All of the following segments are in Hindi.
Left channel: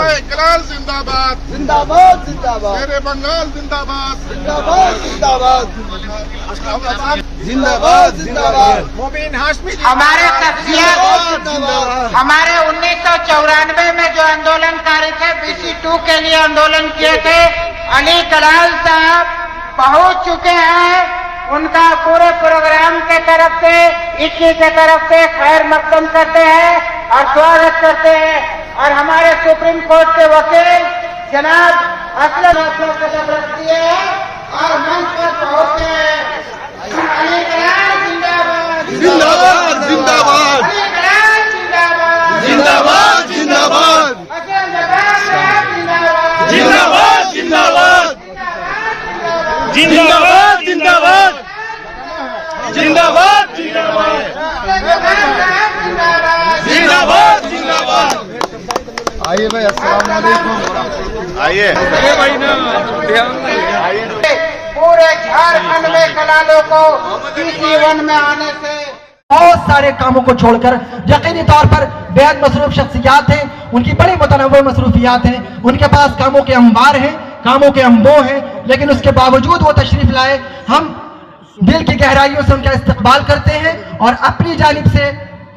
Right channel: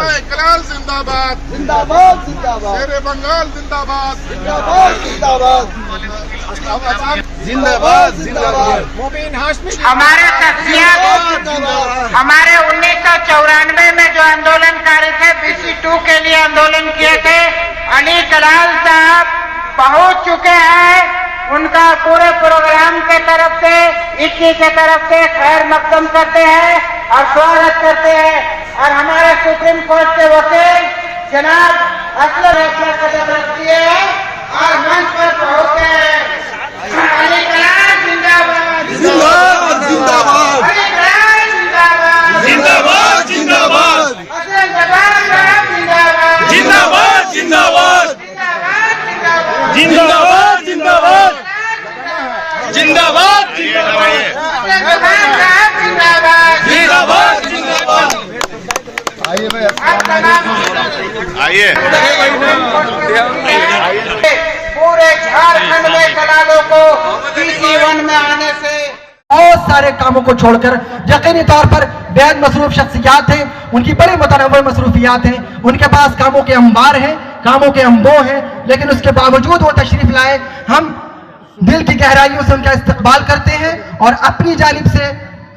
कलाल जिंदाबाद जिंदाबाद जिंदाबाद, शेरे बंगाल जिंदाबाद जिंदाबाद जिंदाबाद, जिंदाबाद जिंदाबाद, मोबिन हाशमी हमारे हमारे 1994 में जो आंदोलनकारी थे BC2 के लिए आंदोलन किए थे, अली कलाल साहब पहुंच चुके हैं। उनका पूरे प्रोग्राम के तरफ से, इक्की के तरफ से खैर मकदम करते हैं और स्वागत करते हैं। और हमारे सुप्रीम कोर्ट के वकील जनाब असलम अपना कदम रखती है और मंच पर पहुंचते हैं। अली कलाल जिंदाबाद जिंदाबाद जिंदाबाद, अली कलाल जिंदाबाद जिंदाबाद जिंदाबाद, असलम जवान साहब जिंदाबाद जिंदाबाद जिंदाबाद, जिंदाबाद जिंदाबाद जिंदाबाद जिंदाबाद, जिंदाबाद असलम जवान साहब जिंदाबाद जिंदाबाद जिंदाबाद। आइए भाई, आइए पूरे झारखंड में कलालों को BC1 में आने से बहुत सारे कामों को छोड़कर यकीनी तौर पर बेहद मसरूफ शख्सियात हैं, उनकी बड़ी मुतनव्वि मसरूफियात हैं, उनके पास कामों के अंबार हैं, कामों के अंबो हैं, लेकिन उसके बावजूद वो तशरीफ लाए। हम दिल की गहराइयों से उनका इस्तकबाल करते हैं और अपनी जानिब से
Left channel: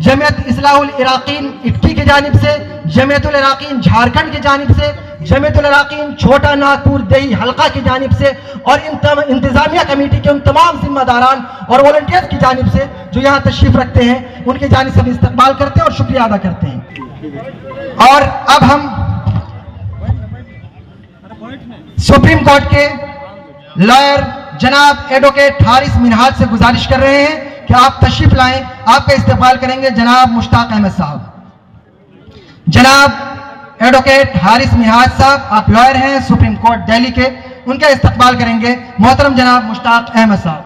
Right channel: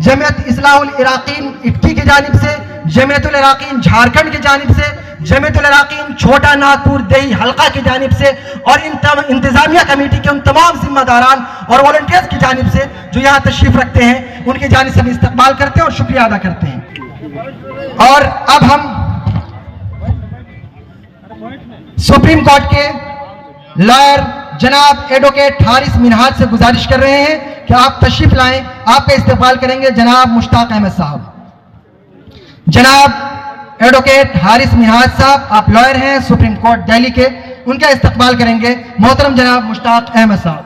जमीयत इस्लाहुल इराकीन इटकी की जानिब से, जमीयतुल इराकीन झारखंड की जानिब से, जमीयतुल इराकीन छोटा नागपुर देही हल्का की जानिब से और इंतजामिया कमेटी के उन तमाम जिम्मेदारान और वॉलंटियर्स की जानिब से जो यहाँ तशरीफ रखते हैं, उनकी जानिब से हम इस्तकबाल करते हैं और शुक्रिया अदा करते हैं। और अब हम सुप्रीम कोर्ट के लॉयर जनाब एडवोकेट हारिस मिनहाज से गुजारिश कर रहे हैं कि आप तशरीफ लाएं। आपका इस्तकबाल करेंगे जनाब मुश्ताक अहमद साहब। जनाब एडवोकेट हारिस मिनहाज साहब, आप लॉयर हैं सुप्रीम कोर्ट दिल्ली के, उनका इस्तकबाल करेंगे मोहतरम जनाब मुश्ताक अहमद साहब।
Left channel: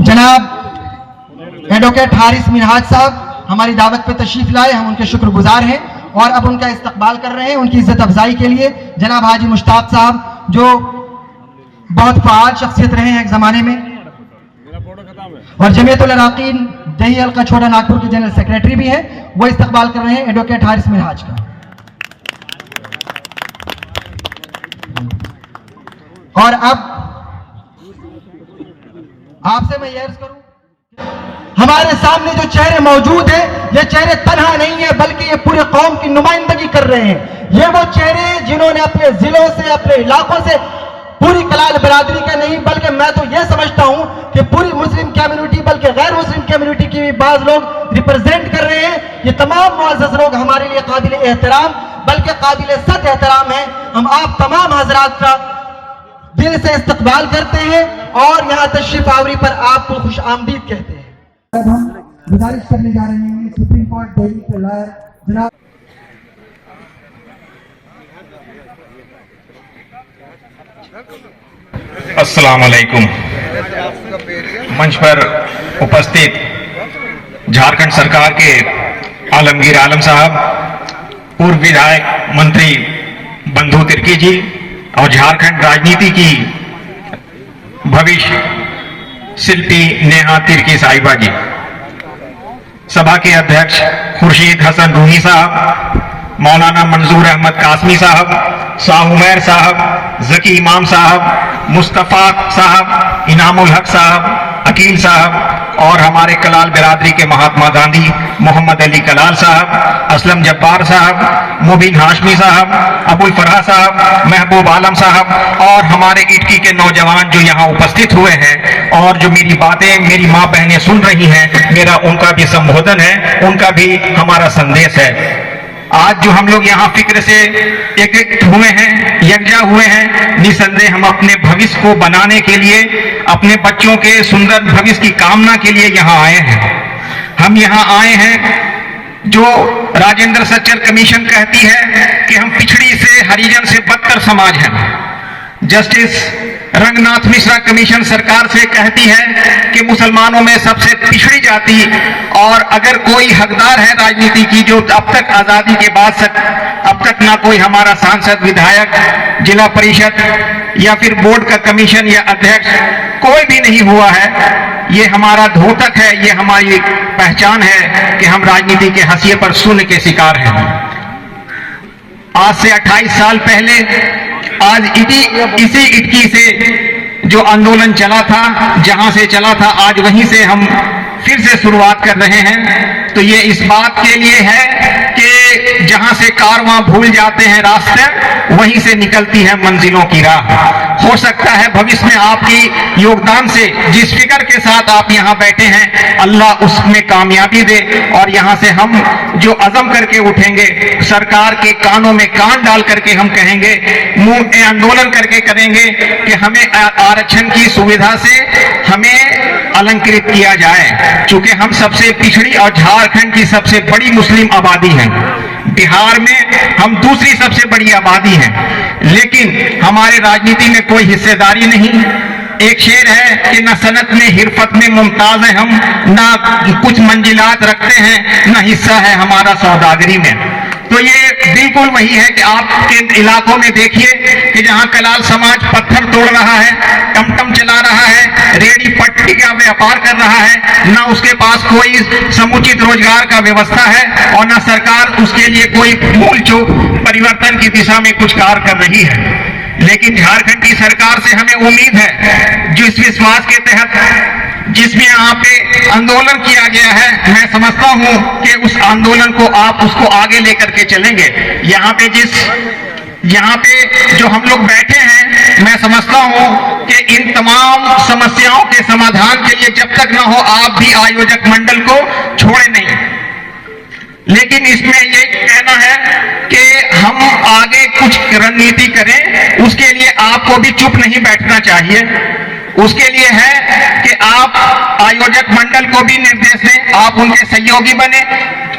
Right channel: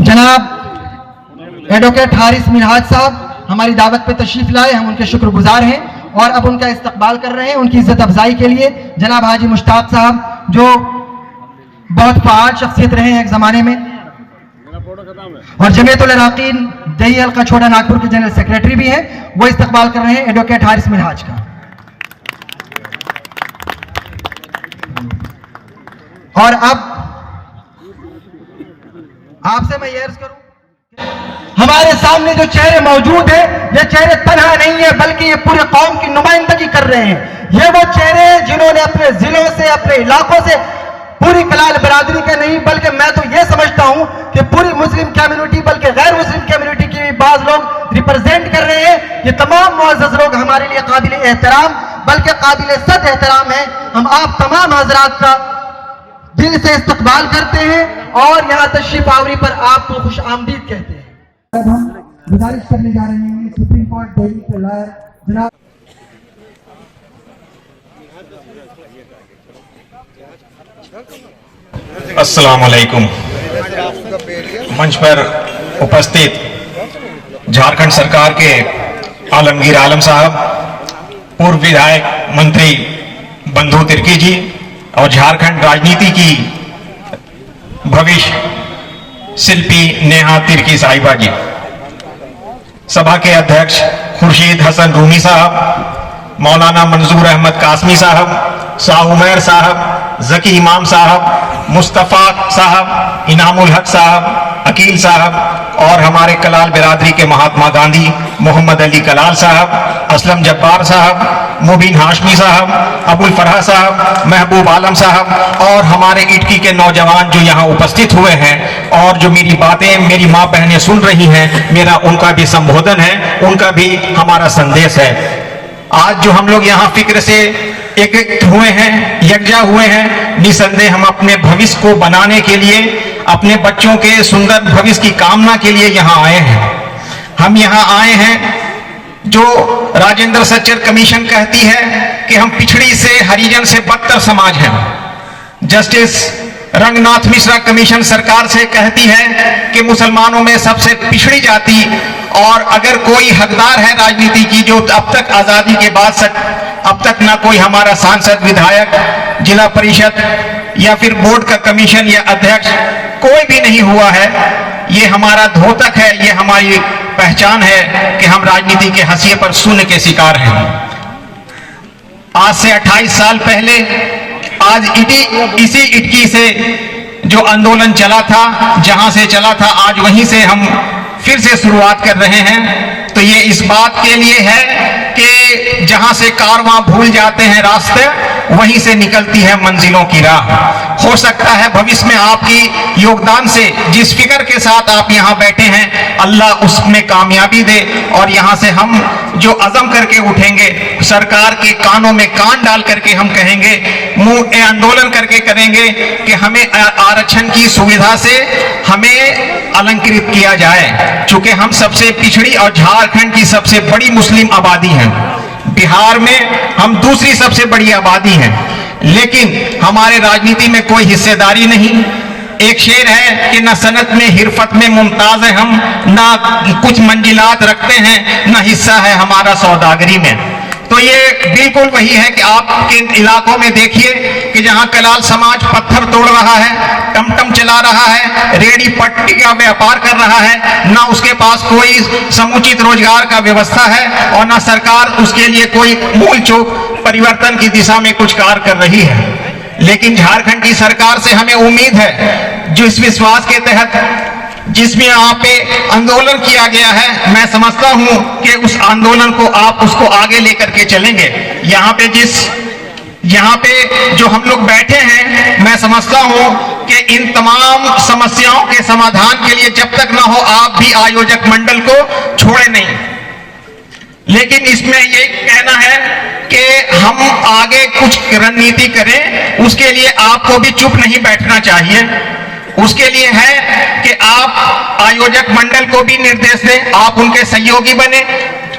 जनाब एडवोकेट हारिस मिनहाज साहब हमारी दावत पर तशरीफ लाए, हम उनके शुक्रगुजार हैं और अब उनका इस्तकबाल कर रहे हैं उनकी इज्जत अफजाई के लिए। जनाब हाजी मुश्ताक साहब जो बहुत फाल शख्सियत रहे हैं एक जमाने में और जमीयतुल इराकीन दही हल्का छोटा नागपुर के जनरल सेक्रेटरी भी हैं, वो इस्तकबाल कर रहे हैं एडवोकेट हारिस मिनहाज का। और अब आपसे मैं ये अर्ज करूं, हमारे सामने जो चेहरे मौजूद हैं, ये चेहरे तन्हा नहीं है बल्कि ये पूरे कौम की नुमाइंदगी कर रहे हैं। ये वो चेहरे जिन्होंने अपने जिलों से, अपने इलाकों से, पूरी कलाल बरादरी का नहीं बल्कि मैं तो ये समझता हूं कि पूरी मुस्लिम कम्युनिटी बल्कि गैर मुस्लिम कम्युनिटी की भी बाज लोग रिप्रेजेंट कर रहे हैं। ये तमाम मुअज़्ज़ज़ लोग हमारे लिए काबिल एहतराम बल्कि काबिल सद एहतराम है। हम आप तमाम हजरात का दिल से इस्तकबाल करते हैं और यहाँ तशरीफ आवरी पर आपको खुश आमदीद कहते हैं। अब हम गुजारिश करने जा रहे हैं सुप्रीम कोर्ट दिल्ली के लॉयर जनाब अस्सलाम वालेकुम। मंच पर उपस्थित झारखंड सरकार के आलमगीर आलम साहब, पूर्व विधायक मंत्री बंधु तिर्की जी और झारखंड राजनीति की भविष्य शिल्पी नेहा तिर्की साहिबा जी, सभा के अध्यक्ष खुर्शीद हसन रूही साहब, मौलाना मंजूर अहमद कासमी साहब, शाह उमैर साहब, जकी इमाम साहब, मुस्तफ़ा साहब, इनामुल हक साहब, अकील साहब और हमारे कलाल बिरादरी के महात्मा गांधी मोहम्मद अली कलाल साहब, असलम जब्बार साहब, मुबीन हाशमी साहब, अबुल फरहा साहब, महबूब आलम साहब और हमारे इटकी के नौजवान जो यहाँ उपस्थित हुए हैं और जो मेरी बातें मेरी माँ बहनें सुन रही हैं, मेरा उनका भी संबोधन है, उनका भी हमारा संदेश है। आज जो हम लोग यहाँ फिक्र से एक हुए हैं, यकजा हुए हैं, निसंदेह हम अपने भविष्य को बनाने के लिए, अपने बच्चों के सुंदर भविष्य की कामना के लिए यहाँ आए हैं। हम यहाँ आए हैं जो राजेंद्र सच्चर कमीशन कहती है कि हम पिछड़ी से, हरिजन से बदतर समाज हैं। जस्टिस रंगनाथ मिश्रा कमीशन सरकार से कहती है कि मुसलमानों में सबसे पिछड़ी जाति और अगर कोई हकदार है राजनीति की जो अब तक आजादी के बाद अब तक ना कोई हमारा सांसद, विधायक, जिला परिषद या फिर बोर्ड का कमीशन या अध्यक्ष कोई भी नहीं हुआ है, ये हमारा द्योतक है, ये हमारी पहचान है कि हम राजनीति के हंसिए पर शून्य के शिकार हैं। आज से 28 साल पहले आज इसी इटकी से जो आंदोलन चला था, जहां से चला था, आज वहीं से हम फिर से शुरुआत कर रहे हैं। तो ये इस बात के लिए है कि जहां से कारवां भूल जाते हैं रास्ते, वहीं से निकलती है मंजिलों की राह। हो सकता है भविष्य में आपकी योगदान से, जिस फिक्र के साथ आप यहाँ बैठे हैं, अल्लाह उसमें कामयाबी दे और यहाँ से हम जो अज़म करके उठेंगे, सरकार के कानों में कान डाल करके हम कहेंगे, मुंह आंदोलन करके करेंगे कि हमें आरक्षण की सुविधा से हमें अलंकृत किया जाए। चूंकि हम सबसे पिछड़ी और झारखंड की सबसे बड़ी मुस्लिम आबादी है, बिहार में हम दूसरी सबसे बड़ी आबादी है, लेकिन हमारे राजनीति में कोई हिस्सेदारी नहीं। एक शेर है कि न सनत में हिरफत में मुमताज है हम, ना कुछ मंजिलात रखते हैं, ना हिस्सा है हमारा सौदागरी में। तो ये बिल्कुल वही है कि आपके इलाकों में देखिए कि जहां कलाल समाज पत्थर तोड़ रहा है, टमटम चला रहा है, रेडी पट्टी का व्यापार कर रहा है, ना उसके पास कोई समुचित रोजगार का व्यवस्था है और ना सरकार उसके लिए कोई मूल चूक परिवर्तन की दिशा में कुछ कार्य कर रही है। लेकिन झारखंड की सरकार से हमें उम्मीद है, जो इस विश्वास के तहत जिसमें यहाँ पे आंदोलन किया गया है, मैं समझता हूं कि उस आंदोलन को आप उसको आगे लेकर के चलेंगे। यहाँ पे जो हम लोग बैठे हैं, मैं समझता हूं कि इन तमाम समस्याओं के समाधान के लिए जब तक ना हो, आप भी आयोजक मंडल को छोड़े नहीं। लेकिन इसमें ये कहना है कि हम आगे कुछ रणनीति करें, उसके लिए आपको भी चुप नहीं बैठना चाहिए। उसके लिए है कि आप आयोजक मंडल को भी निर्देश दें, आप उनके सहयोगी बने।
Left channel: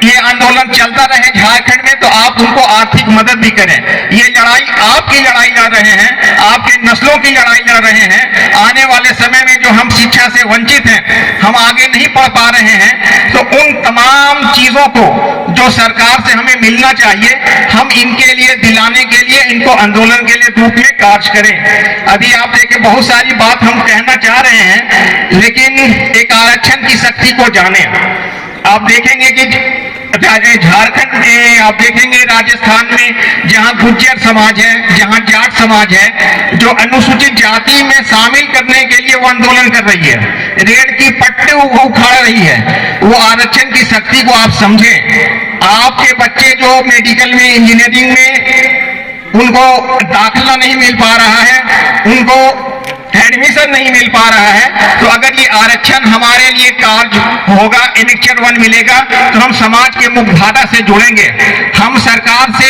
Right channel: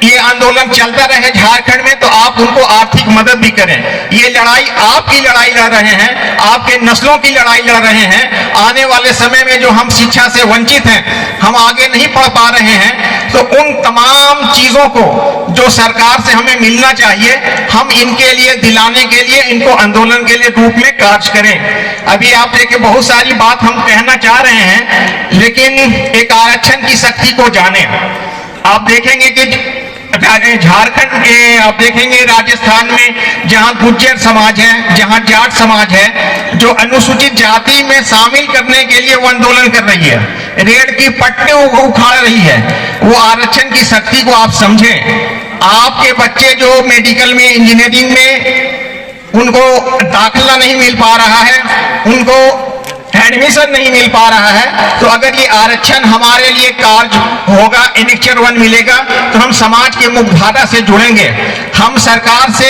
ये आंदोलन चलता रहे झारखंड में, तो आप उनको आर्थिक मदद भी करें। ये लड़ाई आपकी लड़ाई लड़ रहे हैं, आपके नस्लों की लड़ाई लड़ रहे हैं। आने वाले समय में जो हम शिक्षा से वंचित हैं, हम आगे नहीं पढ़ पा रहे हैं, तो उन तमाम चीजों को जो सरकार से हमें मिलना चाहिए, हम इनके लिए दिलाने के लिए इनको आंदोलन के लिए रूप में कार्य करें। अभी आप देखिए, बहुत सारी बात हम कहना चाह रहे हैं, लेकिन एक आरक्षण की शक्ति को जाने। आप देखेंगे कि झारखंड में, आप देखेंगे राजस्थान में, जहां गुर्जर समाज है, जहां जाट समाज है, जो अनुसूचित जाति में शामिल करने के लिए वो आंदोलन कर रही है, रेड की पट्टे उखाड़ रही है। वो आरक्षण की शक्ति को आप समझें। आपके बच्चे जो मेडिकल में, इंजीनियरिंग में, उनको दाखिला नहीं मिल पा रहा है, उनको एडमिशन नहीं मिल पा रहा है, तो अगर ये आरक्षण हमारे लिए कार्य होगा, एनेक्चर 1 मिलेगा, तो हम समाज के मुख्यधारा से जुड़ेंगे। हम सरकार से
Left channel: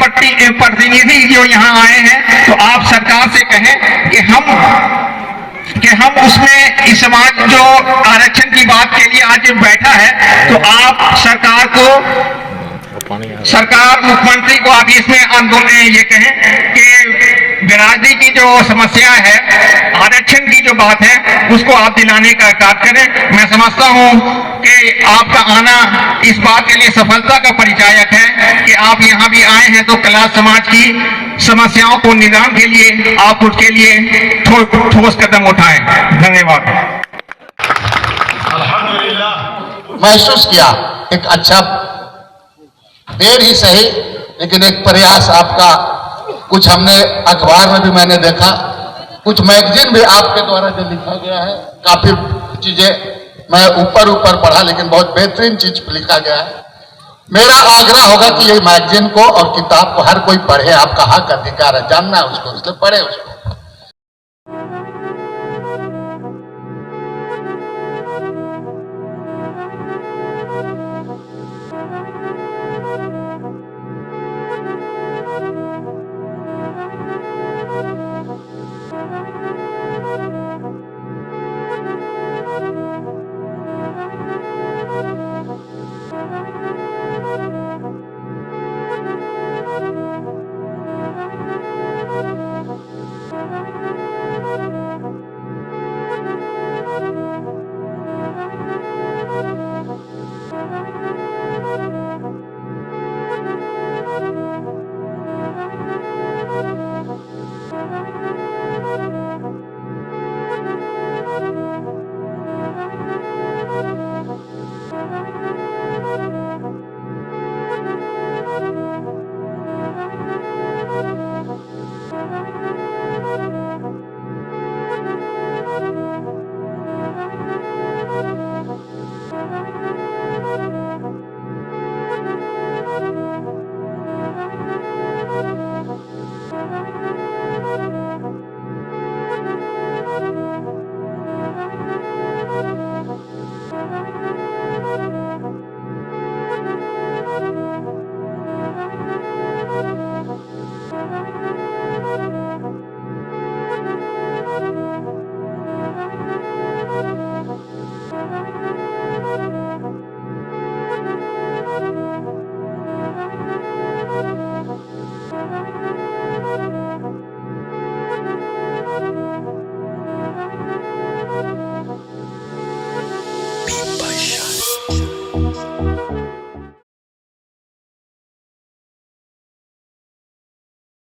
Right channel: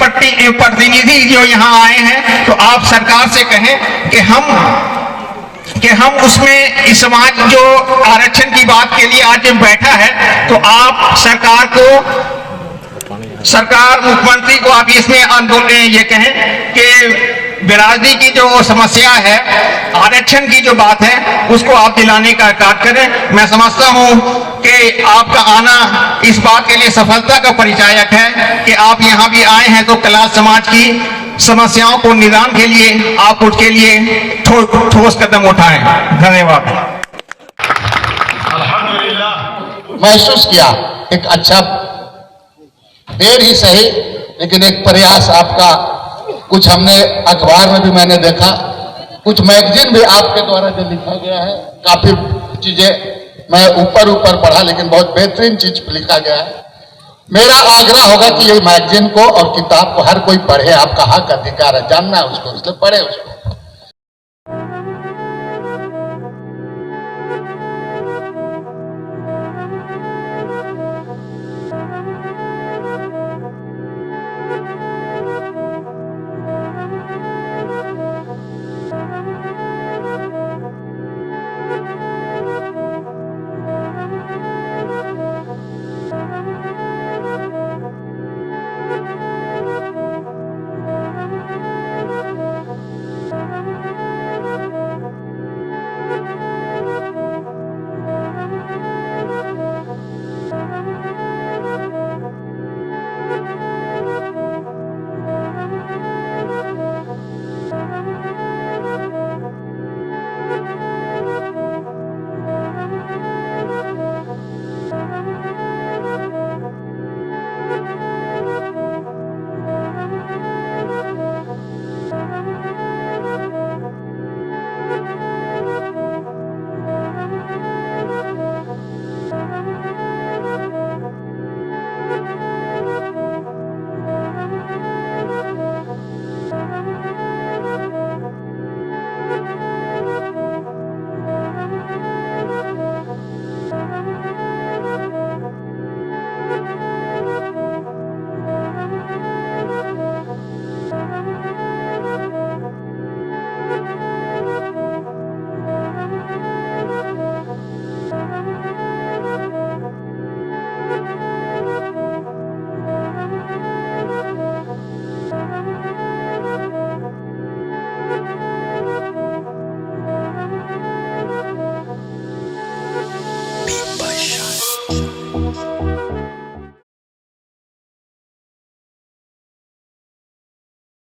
प्रतिनिधि जो यहाँ आए हैं, तो आप सरकार से कहें कि हम उसमें इस समाज जो आरक्षण की बात के लिए आज बैठा है, तो आप सरकार मुख्यमंत्री को आप इसमें आंदोलन ये कहें कि बिरादरी की जो समस्या है, आरक्षण की जो बात है, उसको आप दिलाने का कार्य करें। मैं समझता हूं कि आपका आना इस बात के लिए सफलता का परिचायक है कि आप यहाँ भी आए हैं, तो कलाल समाज की समस्याओं को निदान के लिए आप उसके लिए ठोस कदम उठाएं। धन्यवाद। महसूस किया एक अच्छा, देर ही सही, लेकिन एक प्रयास आपका। कुछ हमने अखबार में भी मैंने देखा, कुछ मैगजीन भी आपके द्वारा जो लिखा गया है, काफी चीजें मैं ऊपर पढ़ा, लेकिन बहुत बेहतरीन चीज लिखा गया है। मेरा आग्रह होगा कि ये मैगजीन को और किताब को हर कोई पढ़े। आपका हक अधिकार है, जानना है उसको, इसलिए पढ़े उसको।